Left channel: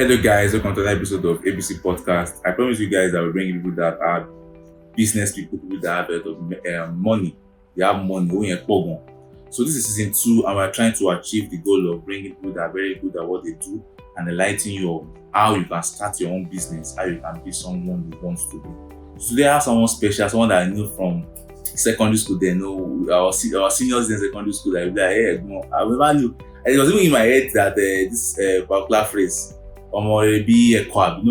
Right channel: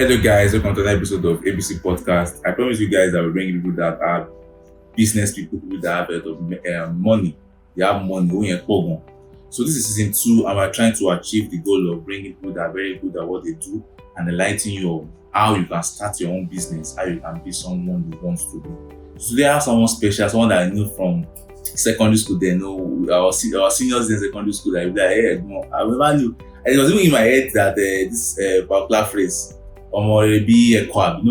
Hello guys, welcome to another episode of ABC Podcast. I promise you guys that we bring people that are business people that have a lot of money. They have money. So this is season 2 and we're trying to achieve the goal of bringing people that are very good at what they do and enlightening you on how you can start your own business, how you can be someone you want to be. So today I have someone special, someone that I knew from secondary school. They know our seniors in secondary school. I remember knew. And it was even in my head that this particular phrase, Omorebi Ekwab,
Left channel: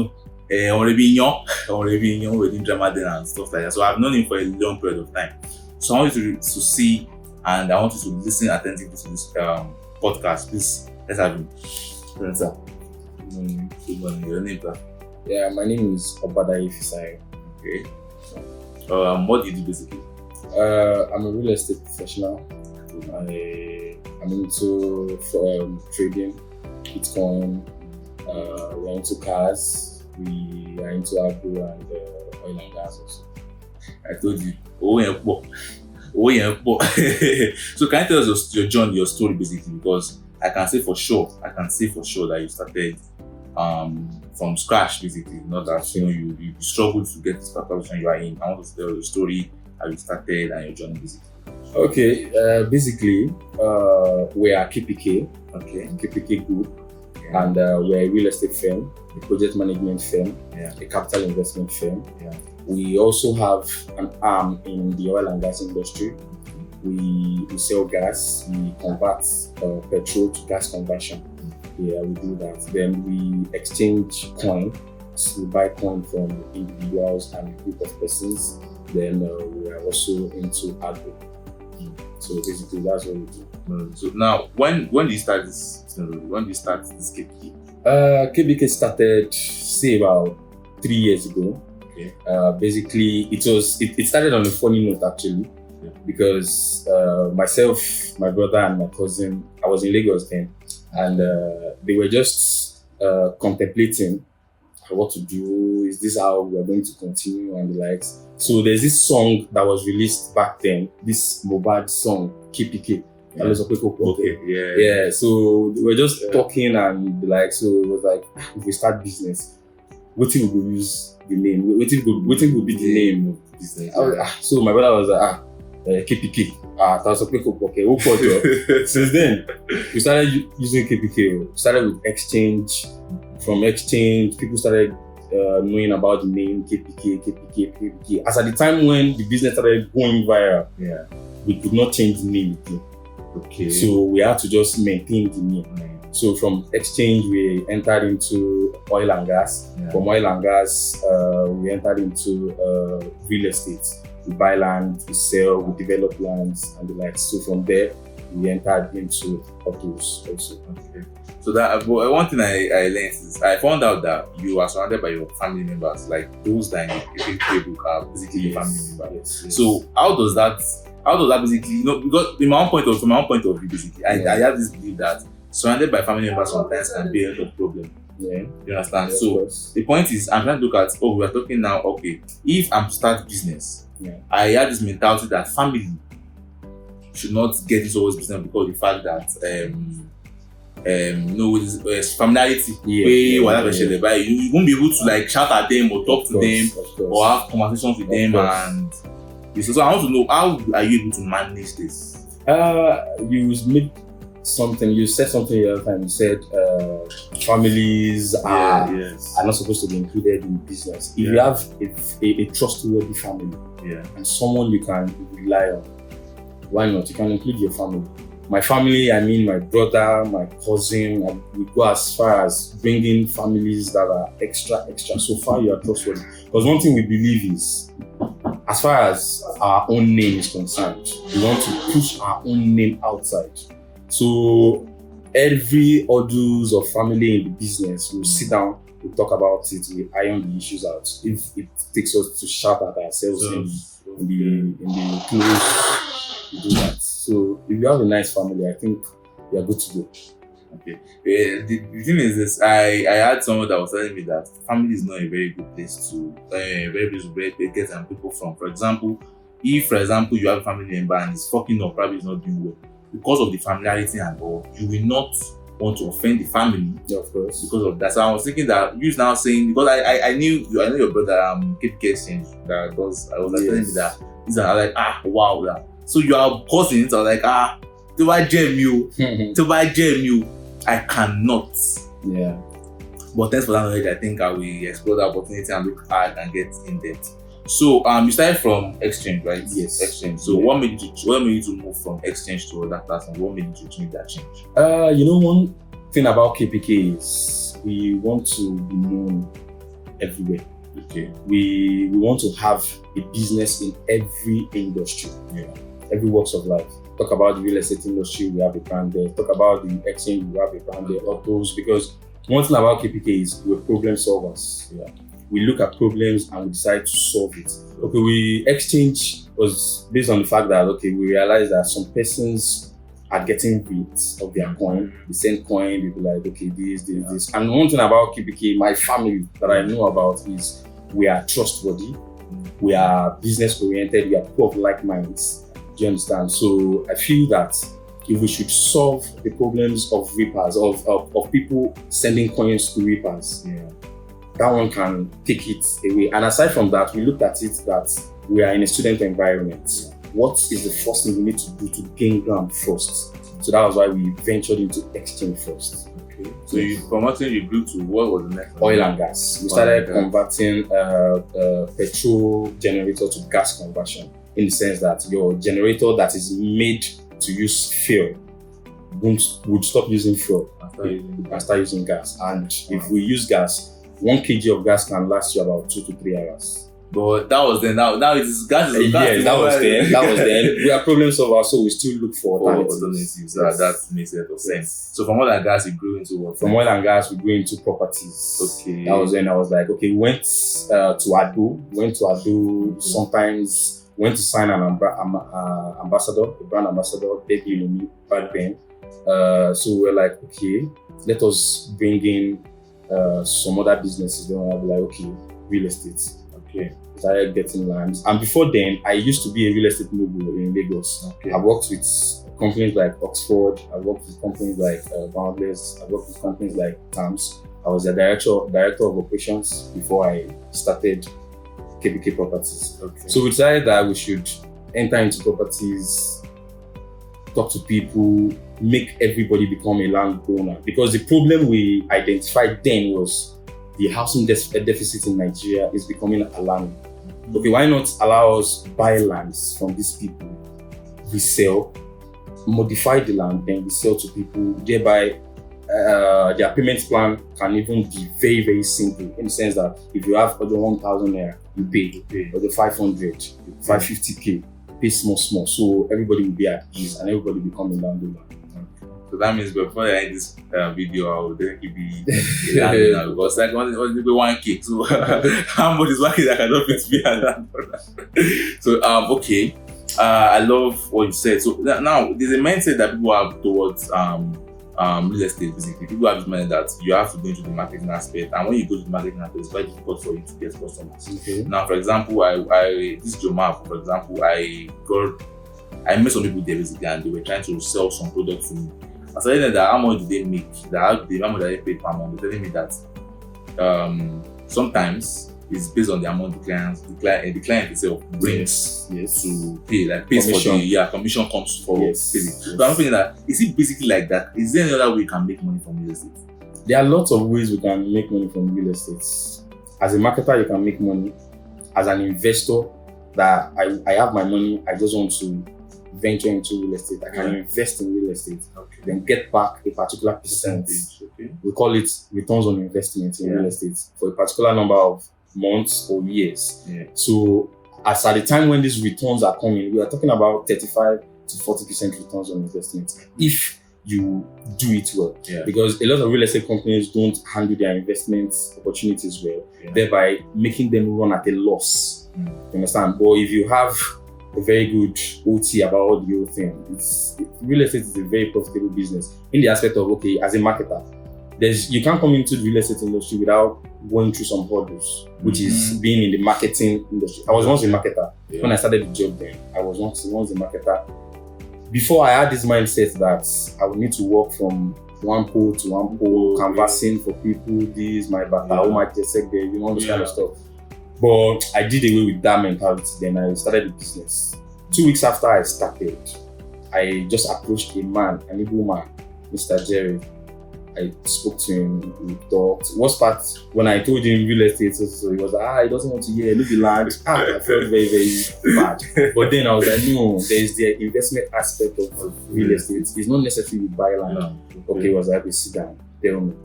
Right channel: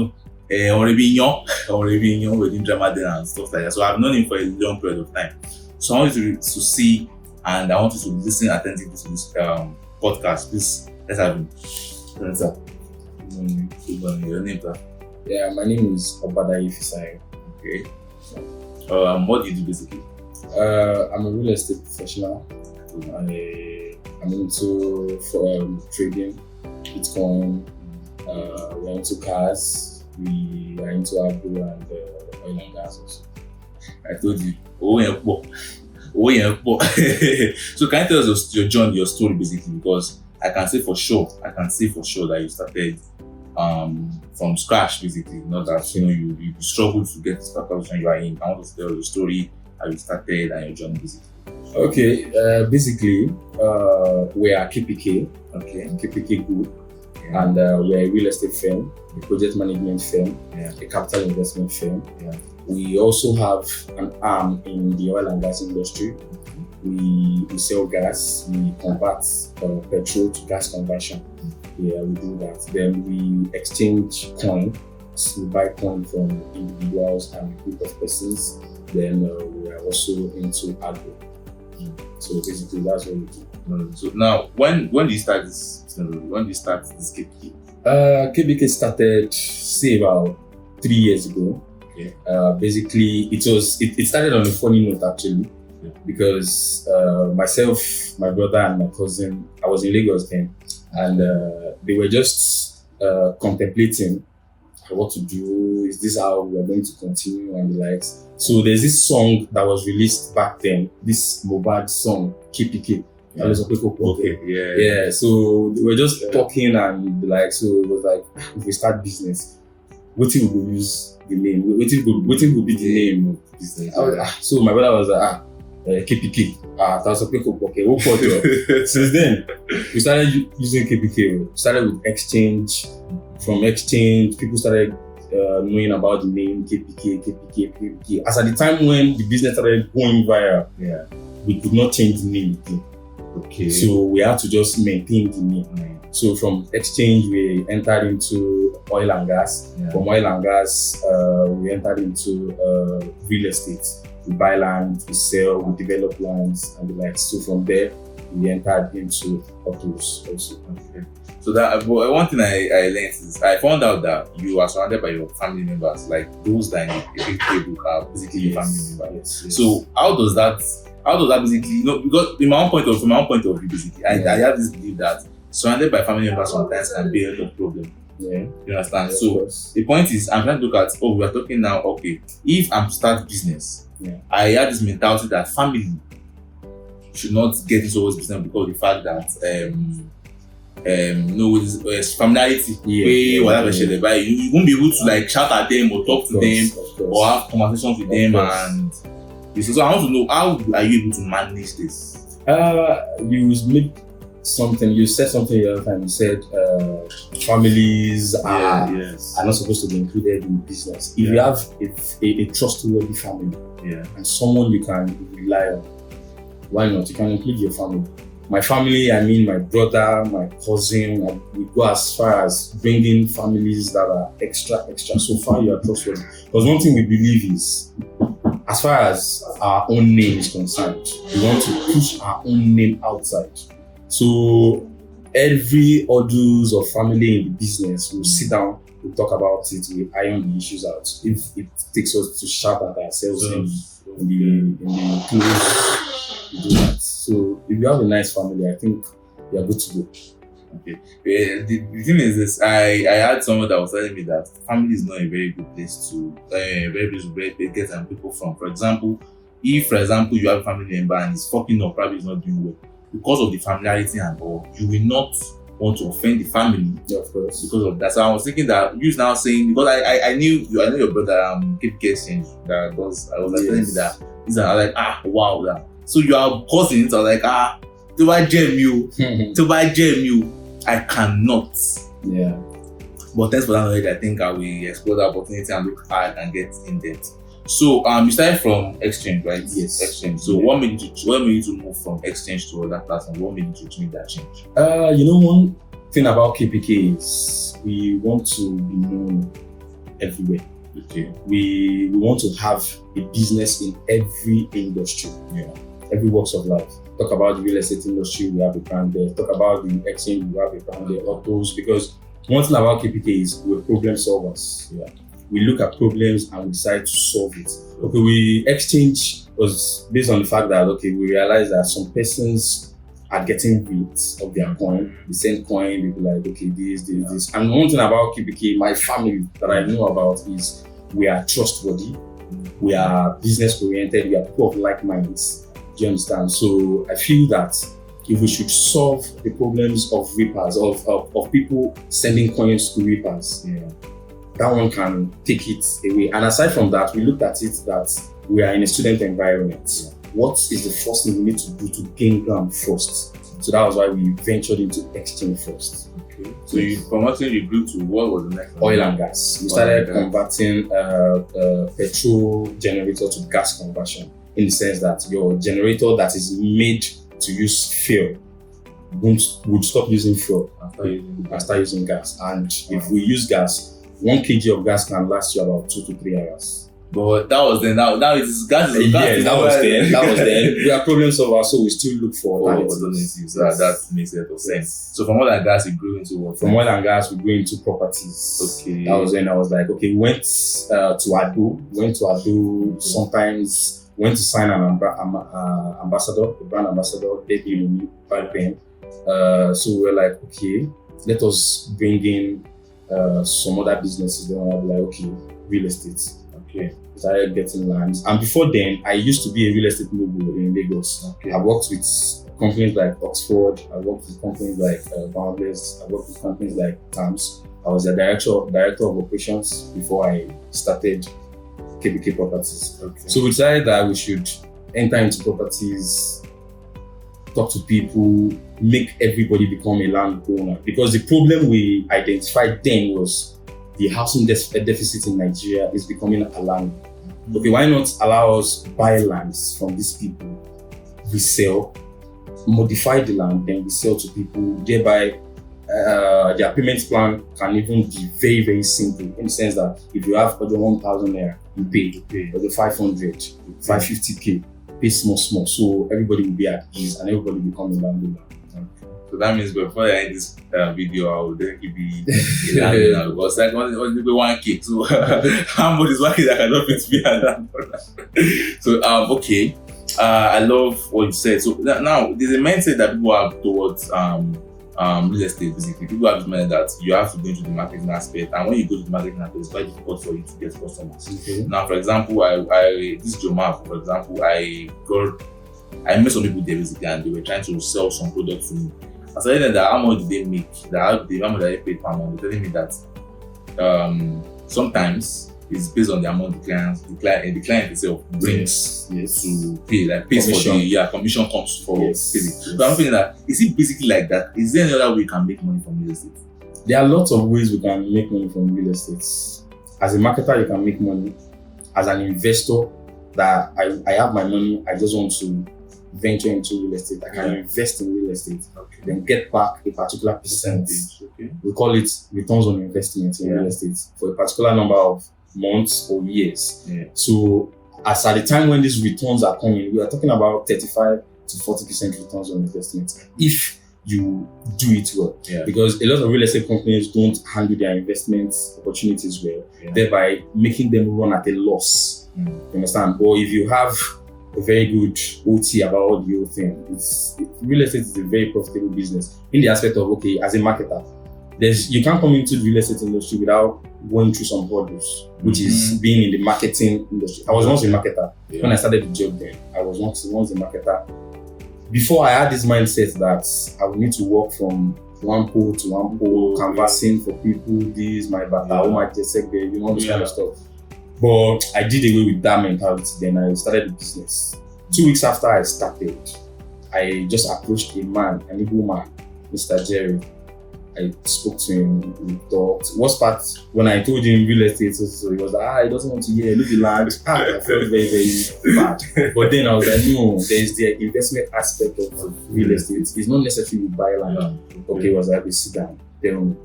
Omorebi Nyon, we're doing drama there and stuff like that. So I've known him for a long period of time. So I want you to see and I want you to listen attentively to this podcast. Please, let's have him. Good morning. Your name, sir? Yeah, my name is Obadaye Fisayo. Okay. What do you do basically? I'm a real estate professional. I'm into trading, Bitcoin. We're into cars. We are into agro and oil and gas also. I told you. So can you tell us your journey, your story basically? Because I can say for sure that you started from scratch basically. Not that you struggled to get this position you are in. I want to tell the story, how you started and your journey basically. Okay, basically we are KPK, KPK Group, and we're a real estate firm, a project management firm, a capital investment firm. We also have an arm in the oil and gas industry. We sell gas, we convert petrol to gas conversion. We do that. Then we exchange coin. We buy coin from individuals and a group of persons. Then we are also into agro. So basically, that's what we do. So now, when do you start this? When do you start this KPK? KPK started say about 3 years ago. Okay. Basically, it started on a funny note actually, because myself, my brother, and my cousin, I was in Lagos then, and they were just contemplating what to do. Is this how we are going to continue and the likes? So there's this song that was released back then, this Mohbad song, KPK. Okay. So we were just talking and the like. So it was like, if we start business, what we will use the name? What will be the name of the business? So my brother was like, KPK. Okay. Since then, we started using KPK. We started with exchange. From exchange, people started knowing about the name KPK. As at the time when the business started going viral, we could not change the name. Okay. So we had to just maintain the name. So from exchange, we entered into oil and gas. From oil and gas, we entered into real estate. We buy land, we sell, we develop lands and the like. So from there, we entered into autos also. Okay. So that one thing I learned is I found out that you are surrounded by your family members, like those that in the KPK book are basically your family members. Yes. So how does that basically, because from my own point of view, basically, I have this belief that surrounded by family members sometimes can be a lot of problem. You understand? So the point is, I'm trying to look at, we are talking now, okay, if I'm to start business, I have this mentality that family should not get into always business because of the fact that familiarity, whatever they buy, you won't be able to like shout at them or talk to them or have conversations with them. And so I want to know, how are you able to manage this? You said something the other time. You said families are not supposed to be included in business. If you have a trustworthy family and someone you can rely on, why not? You can include your family. My family, I mean my brother, my cousin, we go as far as bringing families that are extra. So far you are trustworthy. Because one thing we believe is, as far as our own name is concerned, we want to push our own name outside. So every audios of family in the business, we'll sit down, we'll talk about it, we'll iron the issues out. If it takes us to shout at ourselves in the close, we do that. So if you have a nice family, I think you are good to go. Okay. The thing is this, I had someone that was telling me that family is not a very good place to get some people from. For example, if you have a family member and he's fucking up, probably is not doing well, because of the familiarity and all, you will not want to offend the family. Yeah, of course. Because of that. So I was thinking that you now saying, because I knew your brother KPK Exchange that does, I was like telling me that these are like wow that. So you are cousins. I was like to buy JMU, I cannot. Yeah. But thanks for that knowledge. I think I will explore the opportunity and look how I can get in depth. So you started from exchange, right? Yes. Exchange. So what made you to move from exchange to other platform? What made you to make that change? One thing about KPK is we want to be known everywhere. Okay. We want to have a business in every industry. Yeah. Every walks of life. Talk about the real estate industry, we have a brand there. Talk about the exchange, we have a brand there. All those, because one thing about KPK is we're problem solvers. Yeah. We look at problems and we decide to solve it. Okay, exchange was based on the fact that we realized that some persons are getting rid of their coin, the same coin, they be like, okay, this. And one thing about KPK, my family that I know about is we are trustworthy, we are business oriented, we are people of like minds. Do you understand? So I feel that if we should solve the problems of reapers, of people sending coins to reapers, that one can take it away. And aside from that, we looked at it that we are in a student environment. What is the first thing we need to do to gain ground first? So that was why we ventured into exchange first. Okay. So from what you grew to, what was the next one? Oil and gas. We started converting petrol generator to gas conversion, in the sense that your generator that is made to use fuel would stop using fuel and start using gas. And if we use gas, 1 kg of gas can last you about 2 to 3 hours. But that was then. Now it is gas. That was then. We are problem solvers, so we still look for alternatives. That makes a lot of sense. So from oil and gas, we grew into what? From oil and gas, we grew into properties. Okay. That was when I was like, okay, we went to Ado. Sometimes went to sign an ambassador, a brand ambassador, baby back then. So we were like, okay, let us bring in some other businesses. Then I'll be like, okay, real estate. Okay. Started getting lands. And before then, I used to be a real estate mogul in Lagos. Okay. I worked with companies like Oxford. I worked with companies like Boundless. I worked with companies like Tams. I was a director of operations before I started KPK Properties. Okay. So we decided that we should enter into properties, talk to people, make everybody become a landowner. Because the problem we identified then was the housing deficit in Nigeria is becoming alarming. Okay, why not allow us buy lands from these people, we sell, modify the land, then we sell to people, thereby their payment plan can even be very, very simple, in the sense that if you have other 1,000 naira, you pay, or the 500, 550k, pay small, so everybody will be at ease and everybody will become a landowner. So that means before I end this video, I will definitely be a landowner, because like only 1k. So how much is 1k that I cannot fit to be a landowner? So okay, I love what you said. So now there's a mindset that people have towards real estate. Basically, people have this mindset that you have to go into the marketing aspect, and when you go to the marketing aspect, it's quite difficult for you to get customers. Okay. Now, for example, I this Joma, for example, I met some people there basically, and they were trying to sell some products to me. I said that how much do they make? How much do they pay per month? They're telling me that sometimes it's based on the amount the client itself brings to pay, like pays commission. For the commission comes for paying. So I'm thinking that, is it basically like that? Is there any other way you can make money from real estate? There are lots of ways we can make money from real estate. As a marketer, you can make money. As an investor, that I have my money, I just want to venture into real estate. I can invest in real estate, then get back a particular percentage. Okay. We call it returns on investment in real estate for a particular number of months or years. Yeah. So as at the time when these returns are coming, we are talking about 35 to 40% returns on investment if you do it well. Yeah. Because a lot of real estate companies don't handle their investment opportunities well, thereby making them run at a loss. You understand? But if you have a very good OT about the whole thing, real estate is a very profitable business in the aspect of, okay, as a marketer, you can't come into the real estate industry without going through some hurdles, which is being in the marketing industry. I was once a marketer. When I started the job then, I was once a marketer. Before, I had this mindset that I would need to work from one pole to one pole, canvassing for people, this, my back, my check, baby, all this kind of stuff. But I did away with that mentality. Then I started the business. 2 weeks after I started, I just approached a man, an Igbo man, Mr. Jerry. I spoke to him, we talked. Worst part, when I told him real estate, so he was like, he doesn't want to hear, leave the land. I felt very, very bad. But then I was like, no, there's the investment aspect of real estate. It's not necessarily you buy land. Okay, I was like, we sit down. Then,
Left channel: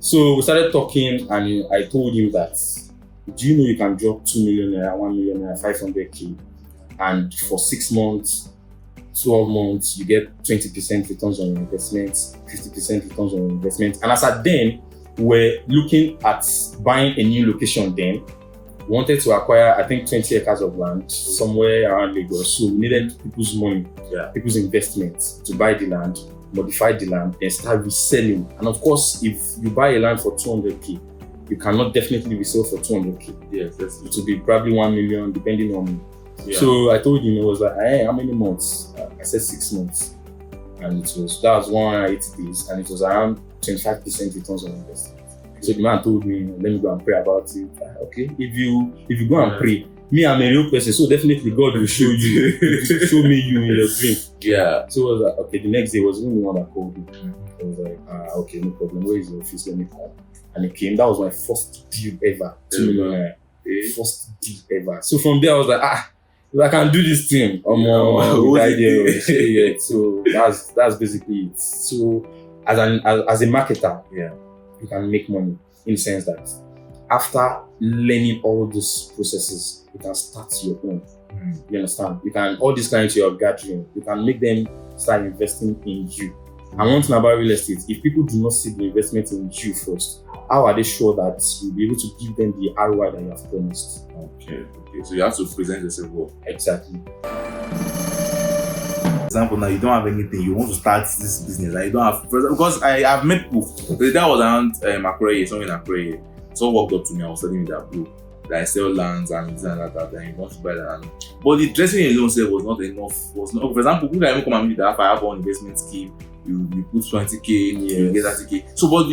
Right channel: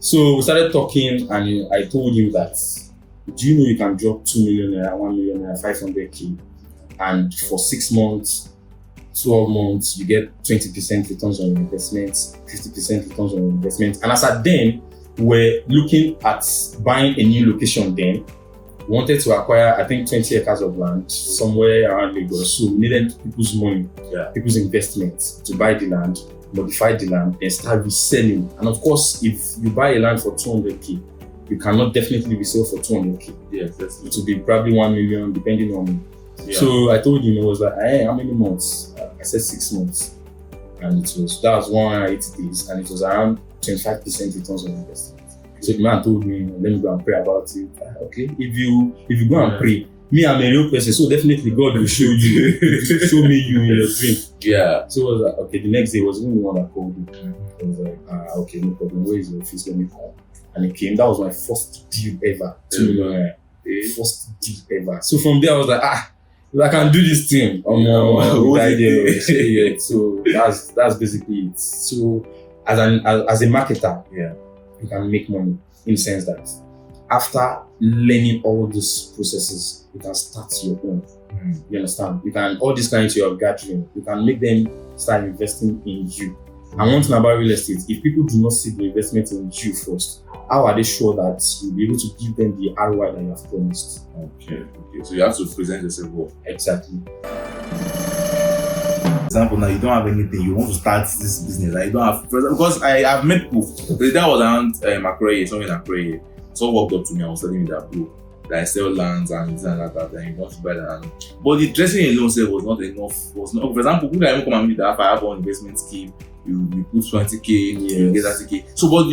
so we started talking, and I told him that, do you know you can drop 2 million naira, 1 million naira, 500k, and for 6 months, 12 months, you get 20% returns on your investments, 50% returns on your investments. And as at then, we're looking at buying a new location then. We wanted to acquire, I think, 20 acres of land somewhere around Lagos. So we needed people's money, people's investments to buy the land, modify the land, and start reselling. And of course, if you buy a land for 200k, you cannot definitely resell for 200k. Yes, it will be probably 1 million, depending on. So I told him, it was like, hey, how many months? I said 6 months. And that was 180 days, and it was around 25% returns on investment. So the man told me, let me go and pray about it. Okay, if you go and pray, me, I'm a real person, so definitely God will show you, show me you in your dream. Yeah. So I was like, okay, the next day was the only one that called me. I was like, okay, no problem, where is your office? Let me come. And he came. That was my first deal ever. 2 million. First deal ever. So from there I was like, I can do this thing. So that's basically it. So as a marketer, you can make money in the sense that after learning all these processes, you can start your own. You understand? You can all these clients you are gathering, you can make them start investing in you. And one thing about real estate, if people do not see the investment in you first, how are they sure that you'll be able to give them the ROI that you have promised? Okay. So you have to present yourself well. Exactly. For example, now you don't have anything, you want to start this business, and you don't have, because I've met people. That was around Accra, somewhere in Accra. Someone walked up to me, I was telling me that, bro, that I sell lands and this and that, and you want to buy land. But the dressing alone was not enough. For example, people can even come and meet that I have one investment scheme. You put 20k, you get 30k. So, but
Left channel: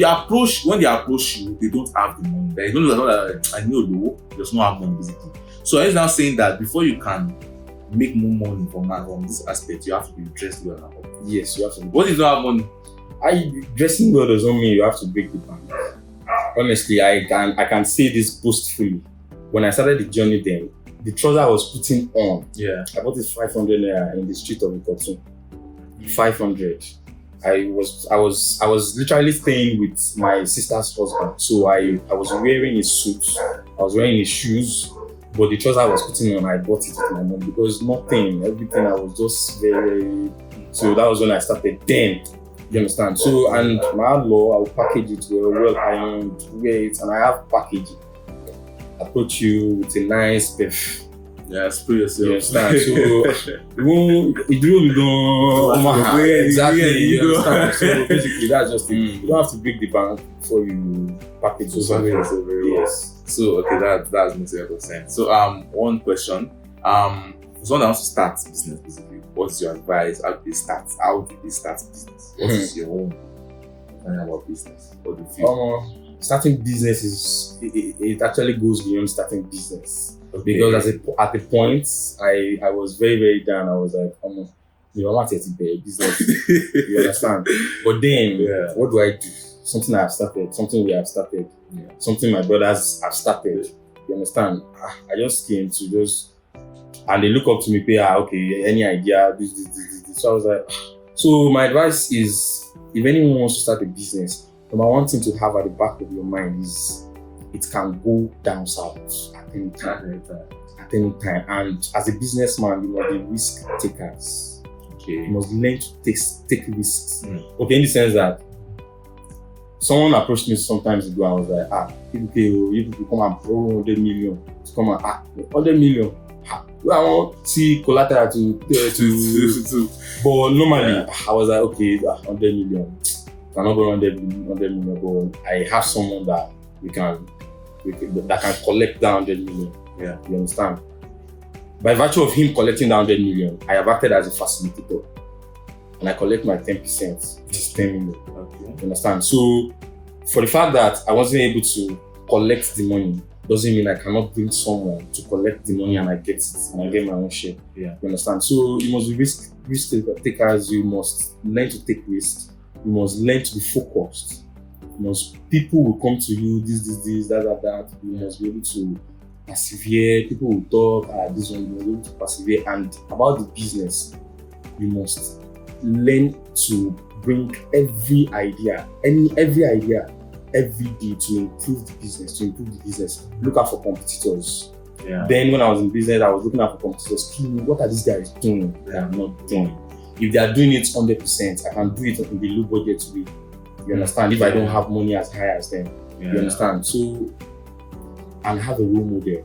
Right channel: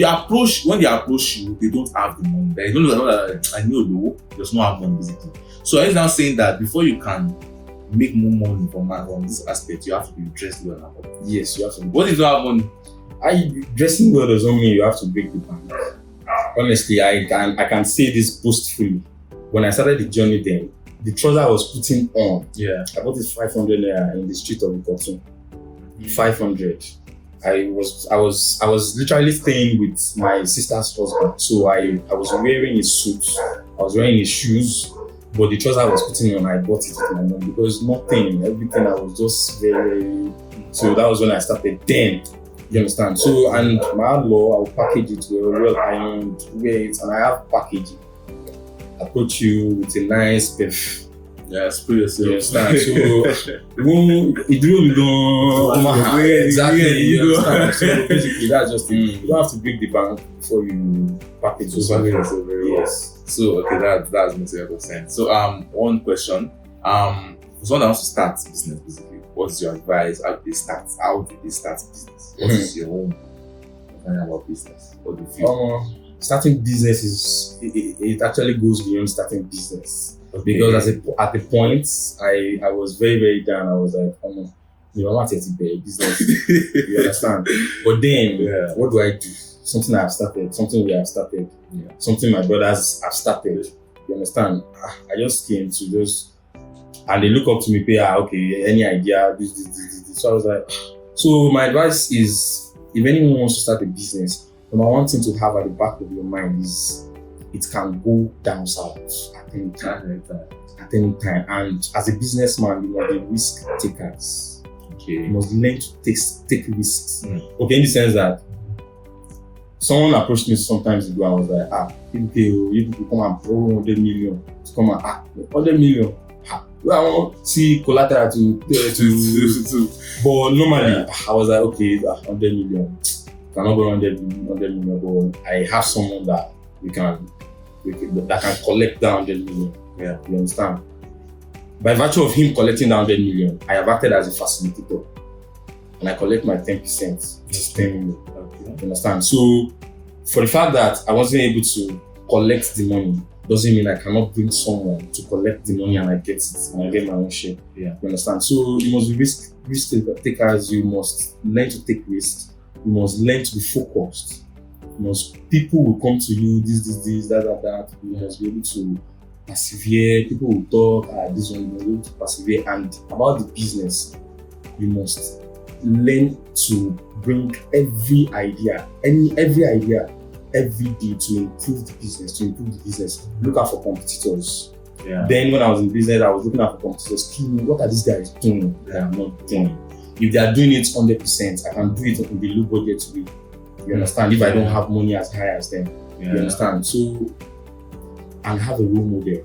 when they approach you, they don't have the money. They don't know that I know low, just not have money basically. So I was now saying that before you can make more money from this aspect, you have to be dressed well. Yes, you have to. What if you don't have money? Dressing well doesn't mean you have to break the bank. Honestly, I can say this boastfully. When I started the journey then, the trouser I was putting on, I bought it 500 naira in the street of Ikotu. 500. I was literally staying with my sister's husband. So I was wearing his suit, I was wearing his shoes, but the trouser I was putting on, I bought it with my mom because everything I was just very. So that was when I started then. You understand? So, and my law, I'll package it well ironed, wear it, and I have packaging. I put you with a nice perf. Yeah, spray yourself. You understand? So, exactly. You understand? So basically, that's just it. You don't have to break the bank before you package yourself. Yes. So okay, that makes a lot of sense. So one question. For someone that wants to start business, basically, what's your advice? How do they start? Business? What is your own opinion about business? What do you feel? Starting business it actually goes beyond starting business. Okay. Because at the point I was very, very down. I was like, I want to be a business. You understand? But then what do I do? Something I have started, something we have started, something my brothers have started. You understand? I just came to and they look up to me, okay, any idea, this. So I was like, so my advice is, if anyone wants to start a business, number one thing to have at the back of your mind is it can go down south at any time. And as a businessman, you must be risk takers. Okay. You must learn to take risks. Okay, in the sense that someone approached me sometimes ago and was like, you come and borrow 100 million to come and 100 million. I want see collateral to but normally I was like, okay, 100 million. Cannot go 100 million, but I have someone that that can collect that 100 million. Yeah, you understand? By virtue of him collecting that 100 million, I have acted as a facilitator. and I collect my 10%, which is 10 million. Okay. You understand? So for the fact that I wasn't able to collect the money doesn't mean I cannot bring someone to collect the money and I get it and I get my own share. Yeah. You understand? So you must be risk takers. You must learn to take risks. You must learn to be focused. People will come to you, this, that. You must be able to persevere. People will talk, this one, you must be able to persevere. And about the business, you must learn to bring every idea every day to improve the business. Look out for competitors. Yeah. Then when I was in business, I was looking out for competitors. What are these guys doing? They are not doing. If they are doing it 100%, I can do it in the low budget way. You understand? If I don't have money as high as them, you understand? So, and have a role model.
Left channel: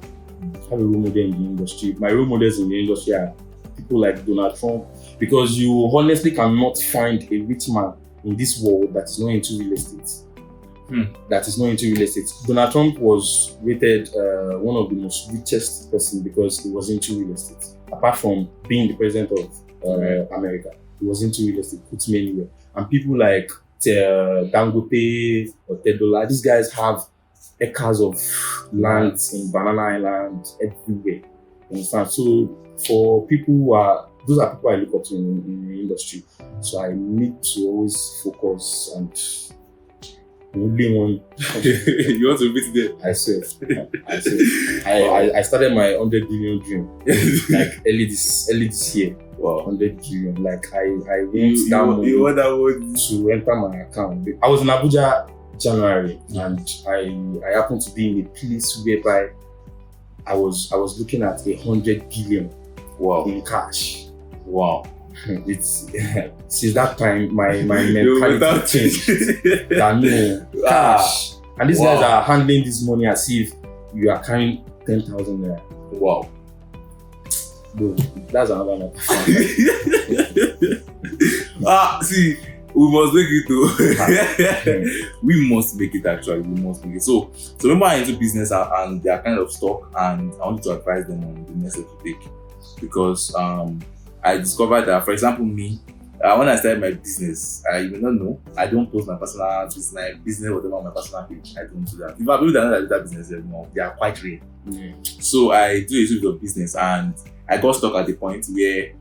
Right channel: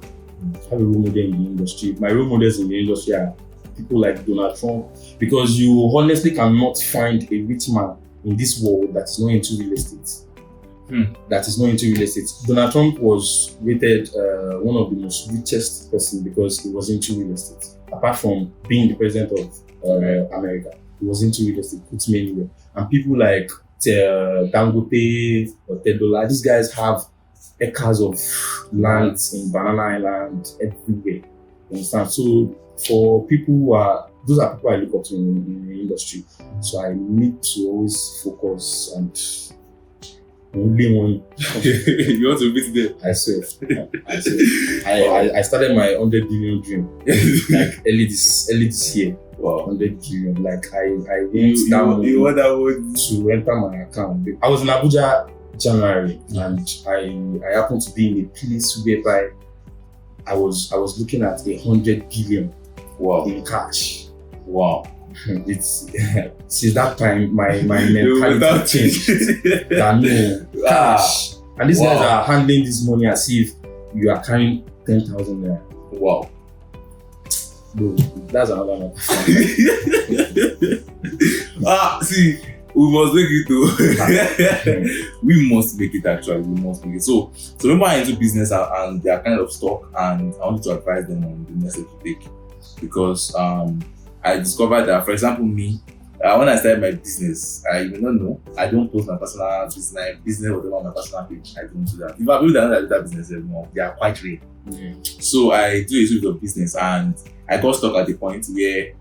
Have a role model in the industry. My role models in the industry are people like Donald Trump, because you honestly cannot find a rich man in this world that is not into real estate. Donald Trump was rated one of the most richest person because he was into real estate. Apart from being the president of America, he was into real estate, puts me anywhere. And people like Dangote or Tedola, these guys have acres of land in Banana Island everywhere. You understand? So for people those are people I look up to in the industry. So I need to always focus and only one. You want to beat them? I swear. I started my 100 billion dream like early this year. Wow. 100 billion. Like I went down to enter my account. I was in Abuja January and I happened to be in a place whereby I was looking at 100 billion in cash. Wow. It's since that time my mentality changed. Cash. And these guys are handling this money as if you are carrying 10,000 naira. Wow. Bro, that's another matter. See, we must make it too. We must make it actually. We must make it. So remember I'm into business and they are kind of stuck, and I wanted to advise them on the next step to take, because I discovered that, for example, me, when I started my business, you may not know, I don't post my personal business, whatever on my personal page. I don't do that. If I people that know that I do that business anymore, they are quite rare. So I do a little bit of business, and I got stuck at the point where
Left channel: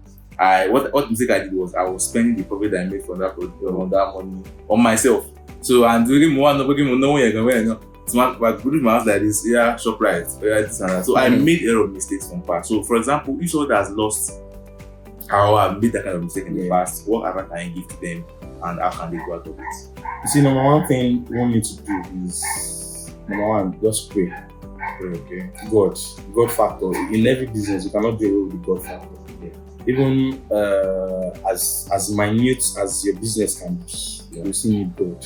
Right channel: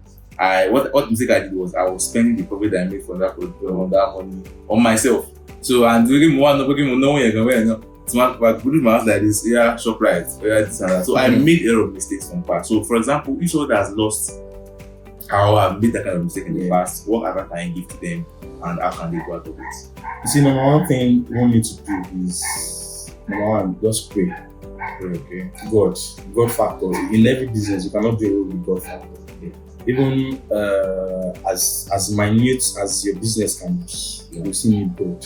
what mistake I did was I was spending the profit that I made from that money on myself. So and doing more, no one you're going to put my house like this, ShopRite, this and that. So I made a lot of mistakes from past. So for example, if someone has lost how I've made that kind of mistake in the past, what advice can I give to them and how can they go out of it? You see, number one thing we need to do is, number one, just pray. Okay. God factor. In every business, you cannot do it with God factor. Even as minute as your business can be, you still need God.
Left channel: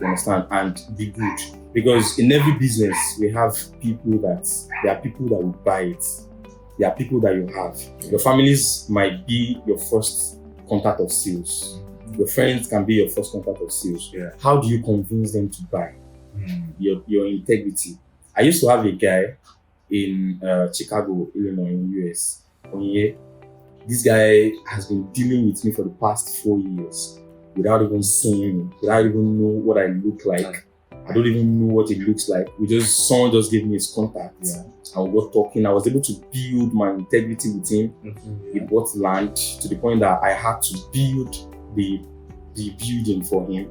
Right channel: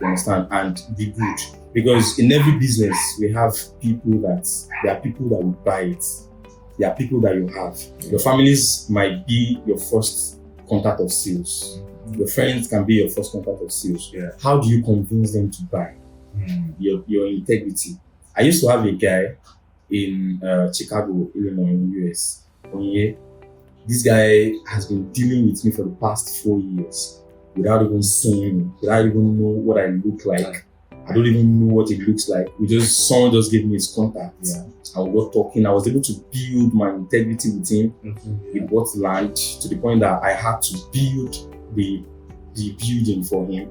You understand? And be good. Because in every business, we have there are people that will buy it. There are people that you have. Your families might be your first contact of sales. Your friends can be your first contact of sales. Yeah. How do you convince them to buy? Your integrity. I used to have a guy in Chicago, Illinois, in the US. This guy has been dealing with me for the past 4 years without even seeing me, without even know what I look like. I don't even know what it looks like. Someone just gave me his contact. And we got talking. I was able to build my integrity with him. He bought land to the point that I had to build the building for him.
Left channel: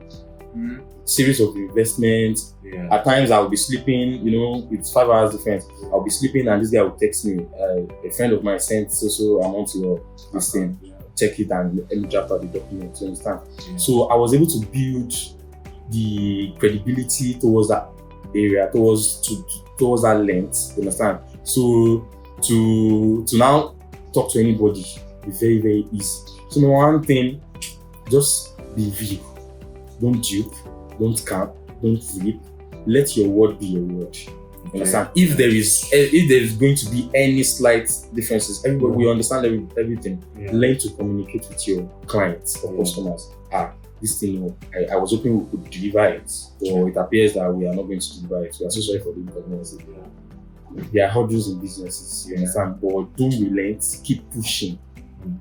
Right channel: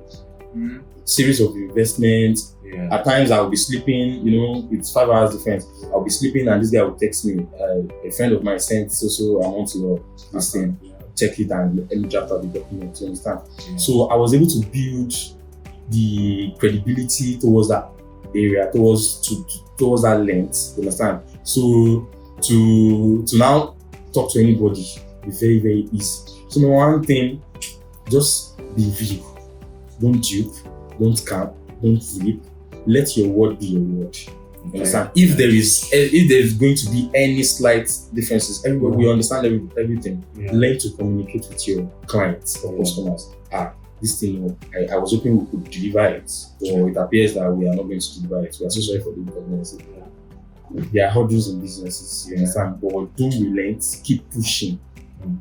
Series of investments. At times I'll be sleeping, it's 5 hours difference. I'll be sleeping and this guy will text me. A friend of mine sent so amount to this thing. Check it and let me draft out the document. You understand? So I was able to build the credibility towards that area, towards that length. You understand? So to now talk to anybody is very, very easy. So number one thing, just be real. Don't dupe, don't scam, don't flip. Let your word be your word. You understand? If there is going to be any slight differences, everybody will understand everything. Learn to communicate with your clients or customers. This thing, I was hoping we could deliver it, or it appears that we are not going to deliver it. We are so sorry for the inconvenience. There are hurdles in businesses, you understand? But don't relent, keep pushing.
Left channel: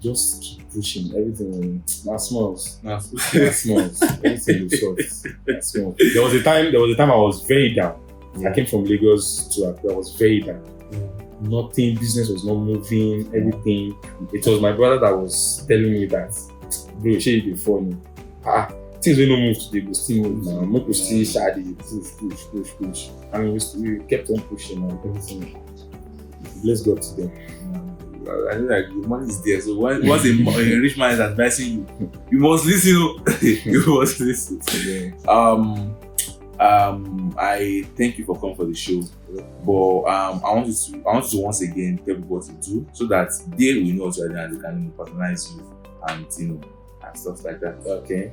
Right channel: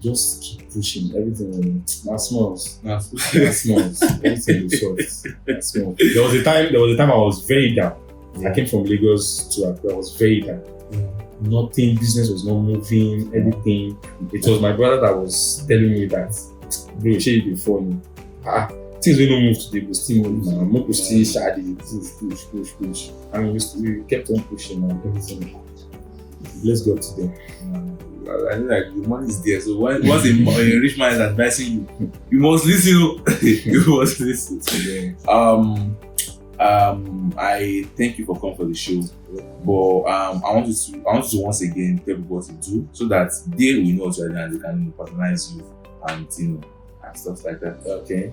Just keep pushing. Everything not small. Nah. Everything is short. Not small. There was a time I was very down. I came from Lagos to Accra. I was very down. Nothing, business was not moving, everything. It was my brother that was telling me that, bro, shey you dey funny. Things wey no move today go still move now. Make we still shadi, push. And we kept on pushing and everything. Bless God today. I know like the money is there. So once a rich man is advising you, you must listen. You must listen. I thank you for coming for the show. But I want you to once again tell people what you do so that they will know what you're doing and they can patronize you and and stuff like that. Okay.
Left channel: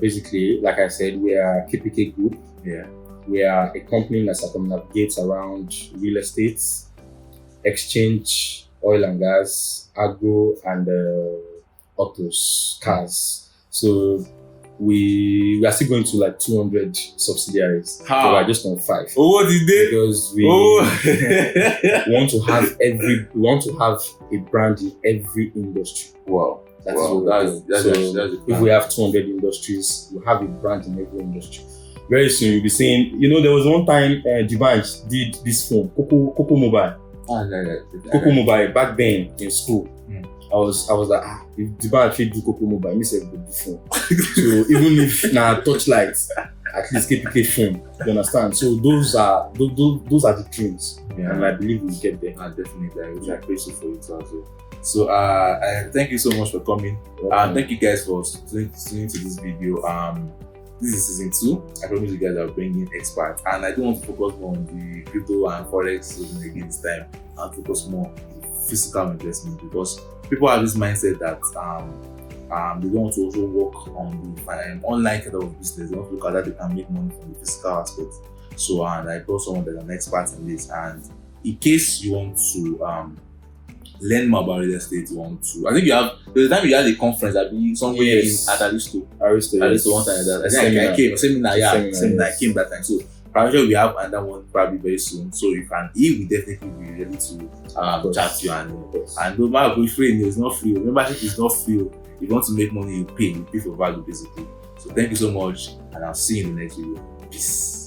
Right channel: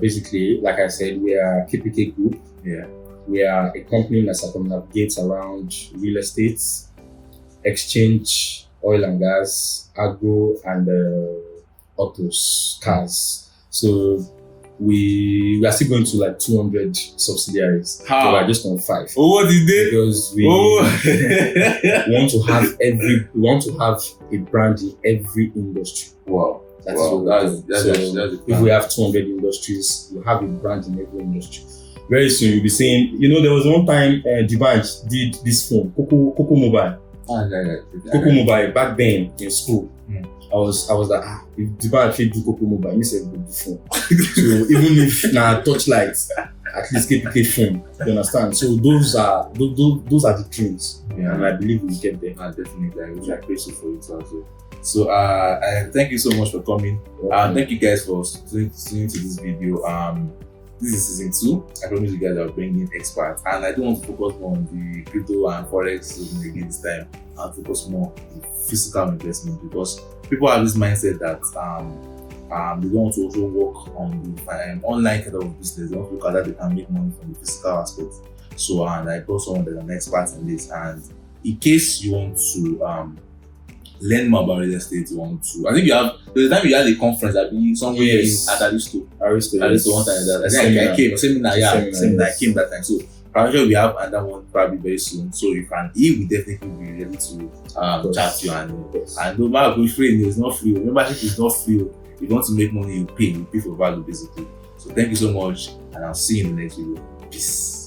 Basically, like I said, we are KPK Group. Yeah. We are a company that circumnavigates around real estate, exchange, oil and gas, agro, and autos, cars. So we are still going to like 200 subsidiaries. How? We are just on 5. Oh, what did they? Because we want to have a brand in every industry. Wow. That's if we have 200 industries, we have a brand in every industry. Very soon you'll be saying, there was one time Divanj did this phone, Coco Mobile. Coco Mobile back then in school. I was like, if Divanj fit do Coco Mobile, me say go do phone. So even if na touchlights, at least KPK phone. You understand? So those are the dreams. Yeah. And I believe we'll get there. Definitely. I appreciate you for it also. So I thank you so much for coming. Thank you guys for tuning to this video. This is season 2. I promise you guys are bringing experts, and I don't want to focus more on the crypto and forex again this time. I'll focus more on physical investment because people have this mindset that they don't want to also work on the online kind of business. They want to look at that they can make money from the physical aspect. So and I brought someone that's an expert in this. And in case you want to learn more about real estate, I think there's a time you had a conference at somewhere at Aristo one time. I think I came seminar I came that time. So probably we have another one probably very soon. So he will definitely be ready to chat you and no matter if free, it's not free. Membership is not free. If you want to make money, you pay for value basically. So thank you so much, and I'll see you in the next video. Peace.